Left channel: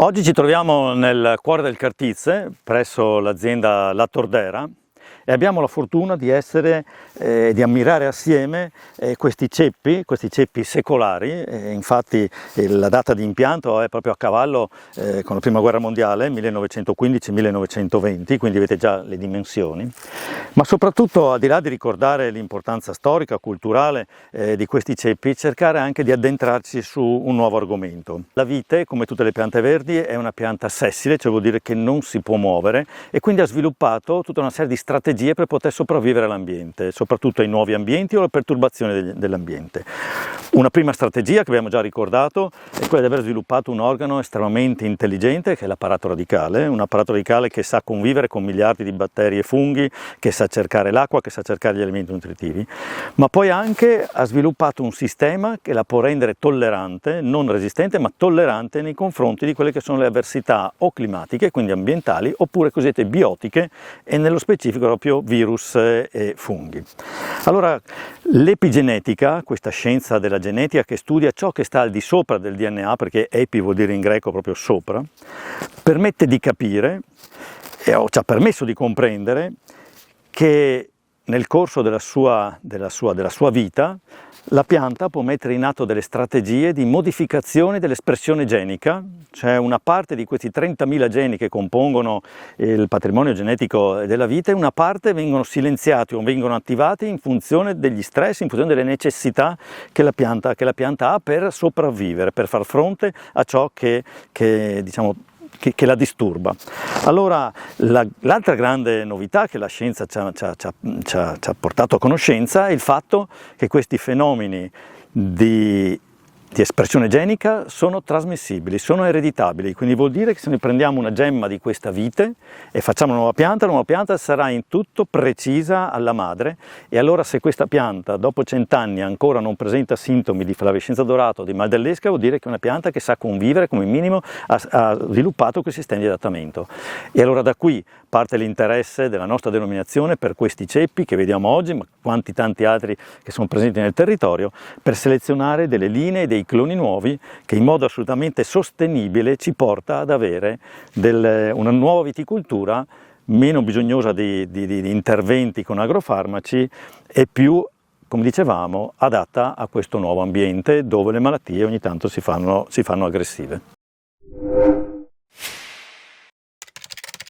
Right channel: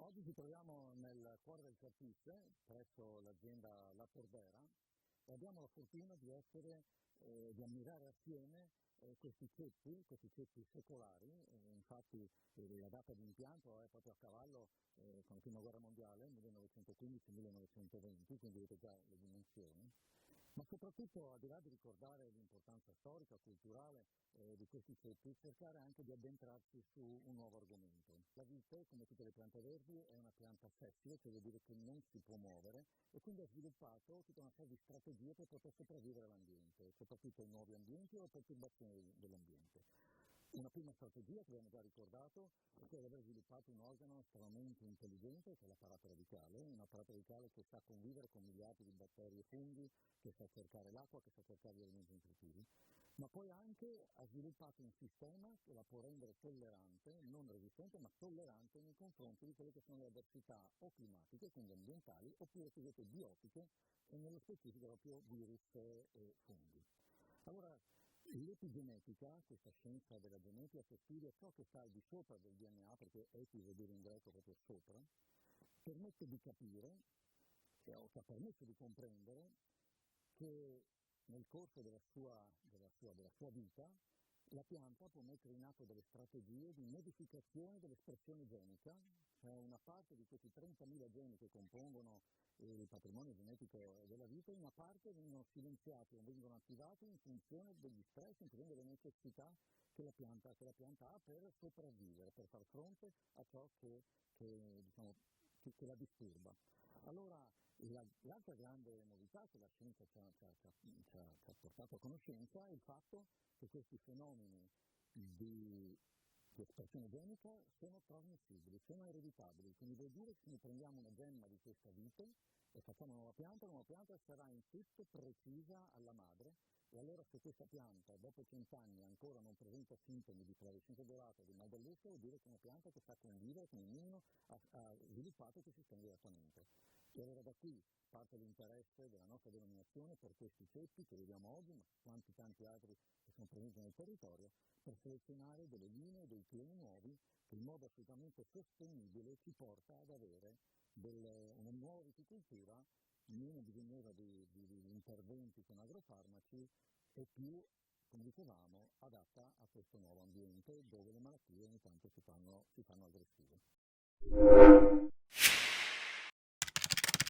Oggi ci troviamo nel cuore del Cartize, presso l'azienda La Tordera, e abbiamo la fortuna di di ammirare assieme questi ceppi secolari. Infatti la data di impianto è proprio a cavallo con la Prima Guerra Mondiale, 1915-1920, quindi avete già le dimensioni. Ma soprattutto, al di là di ricordare l'importanza storica, culturale di questi ceppi, cercare anche di addentrarci su un nuovo argomento. La vite, come tutte le piante verdi, è una pianta sessile, cioè vuol dire che non si può muovere, e quindi ha sviluppato tutta una serie di strategie per poter sopravvivere all'ambiente, soprattutto ai nuovi ambienti o alle perturbazioni dell'ambiente. Una prima strategia che abbiamo già ricordato è quella di aver sviluppato un organo estremamente intelligente, che è l'apparato radicale, un apparato radicale che sa convivere con miliardi di batteri e funghi, che sa cercare l'acqua, che sa cercare gli elementi nutritivi, ma poi anche ha sviluppato un sistema che la può rendere tollerante, non resistente, ma tollerante nei confronti di quelle che sono le avversità o climatiche, quindi ambientali, oppure cosiddette biotiche, e nello specifico proprio virus e funghi. Allora, l'epigenetica, questa scienza della genetica che studia ciò che sta al di sopra del DNA, perché epi vuol dire in greco proprio sopra, permette di capire, o ci ha permesso di comprendere, che nel corso della sua vita la pianta può mettere in atto delle strategie di modificazione dell'espressione genica, cioè una parte di questi 30.000 geni che compongono il patrimonio genetico della vita, e una parte vengono silenziati o vengono attivati in funzione degli stress, in funzione delle necessità che la pianta ha per sopravvivere, per far fronte a ciò che la disturba. Allora, l'altra grande novità che la scienza ci ha portato a conoscenza è il fatto che questi fenomeni di espressione genica sono trasmissibili, sono ereditabili, quindi vuol dire che se noi prendiamo una gemma di questa vite e facciamo una nuova pianta sarà in tutto precisa alla madre, e allora se questa pianta dopo 100 anni ancora non presenta sintomi di flavescenza dorata o di mal dell'esca, vuol dire che è una pianta che sa convivere, come minimo ha sviluppato quei sistemi di adattamento. E allora da qui parte l'interesse della nostra denominazione per questi ceppi che vediamo oggi, ma quanti tanti altri che sono presenti nel territorio, per selezionare delle linee, dei cloni nuovi che in modo assolutamente sostenibile ci porta ad avere una nuova viticoltura meno bisognosa di interventi con agrofarmaci e più, come dicevamo, adatta a questo nuovo ambiente dove le malattie ogni tanto si fanno aggressive.